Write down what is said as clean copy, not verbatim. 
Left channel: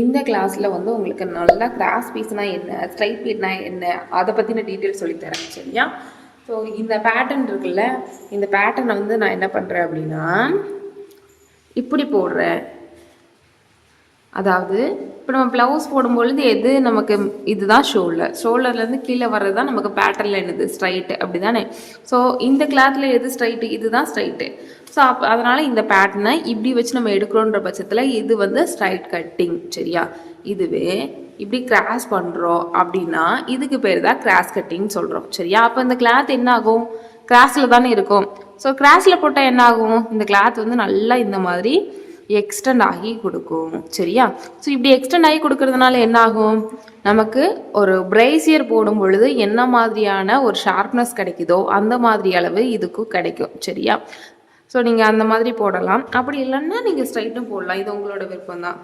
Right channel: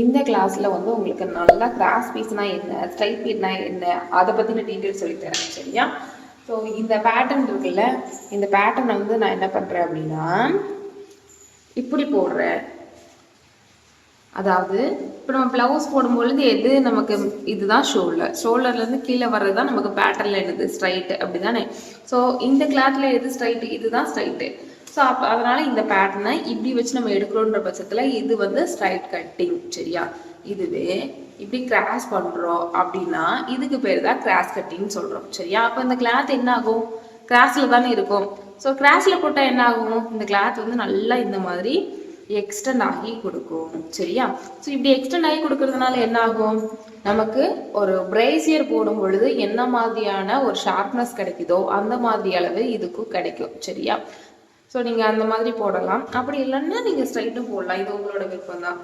இந்த கிளாஸில் வந்து உங்களுக்கு நல்லா கிராஸ் பீஸ்னா என்ன, ஸ்ட்ரைட் பீட்னா என்ன, அதை பற்றின டீட்டெயில் சொல்லித்தரேன். சரியா? ஸோ இந்த பேட்டர்ன் இருக்குல்ல, இந்த பேட்டர்னை வந்து நான் என்ன பண்ணுறேன் அப்படின்னா இப்படி போடுறேன். அதாவது இப்போ நம்ம ப்ளவுஸ் போடும்பொழுது எது நமக்கு இதுதான் ஷோல்டர்லேருந்து கீழே வர்றது தான் நமக்கு பேட்டர்னில் என்னது ஸ்ட்ரைட்டு, அப்படி தானே? ஸோ இந்த கிளாத்தில் எது ஸ்ட்ரைட்டு, இதுதான் ஸ்ட்ரைட்டு. ஸோ அதனால் இந்த பேட்டர்னை இப்படி வச்சு நம்ம எடுக்கிறோன்ற பட்சத்தில் இது வந்து ஸ்ட்ரைட் கட்டிங். சரியா? இதுவே இப்படி கிராஸ் பண்ணுறோம் அப்படின்னா இதுக்கு பேர் தான் கிராஸ் கட்டிங் சொல்கிறோம். சரியா? அப்போ இந்த கிளாத் என்ன ஆகும்? கிராஸில் தானே இருக்கும். ஸோ கிராஸில் போட்டால் என்ன ஆகும்? இந்த கிளாத் வந்து நல்லா இந்த மாதிரி எக்ஸ்டெண்ட் ஆகி கொடுக்கும். சரியா? ஸோ இப்படி எக்ஸ்டெண்ட் ஆகி கொடுக்கறதுனால என்ன ஆகும்? நமக்கு ஒரு பிரேசியர் போடும் பொழுது என்ன மாதிரியான ஒரு ஷார்ப்னஸ் கிடைக்குதோ அந்த மாதிரி அளவு இதுக்கும் கிடைக்கும். சரியா? ஸோ நீங்கள் அந்த மாதிரி போடலாம். அப்படி இல்லைன்னா நீங்கள் ஸ்ட்ரைட்டும் போடலாம். இது உங்களோட விருப்பம் தான்.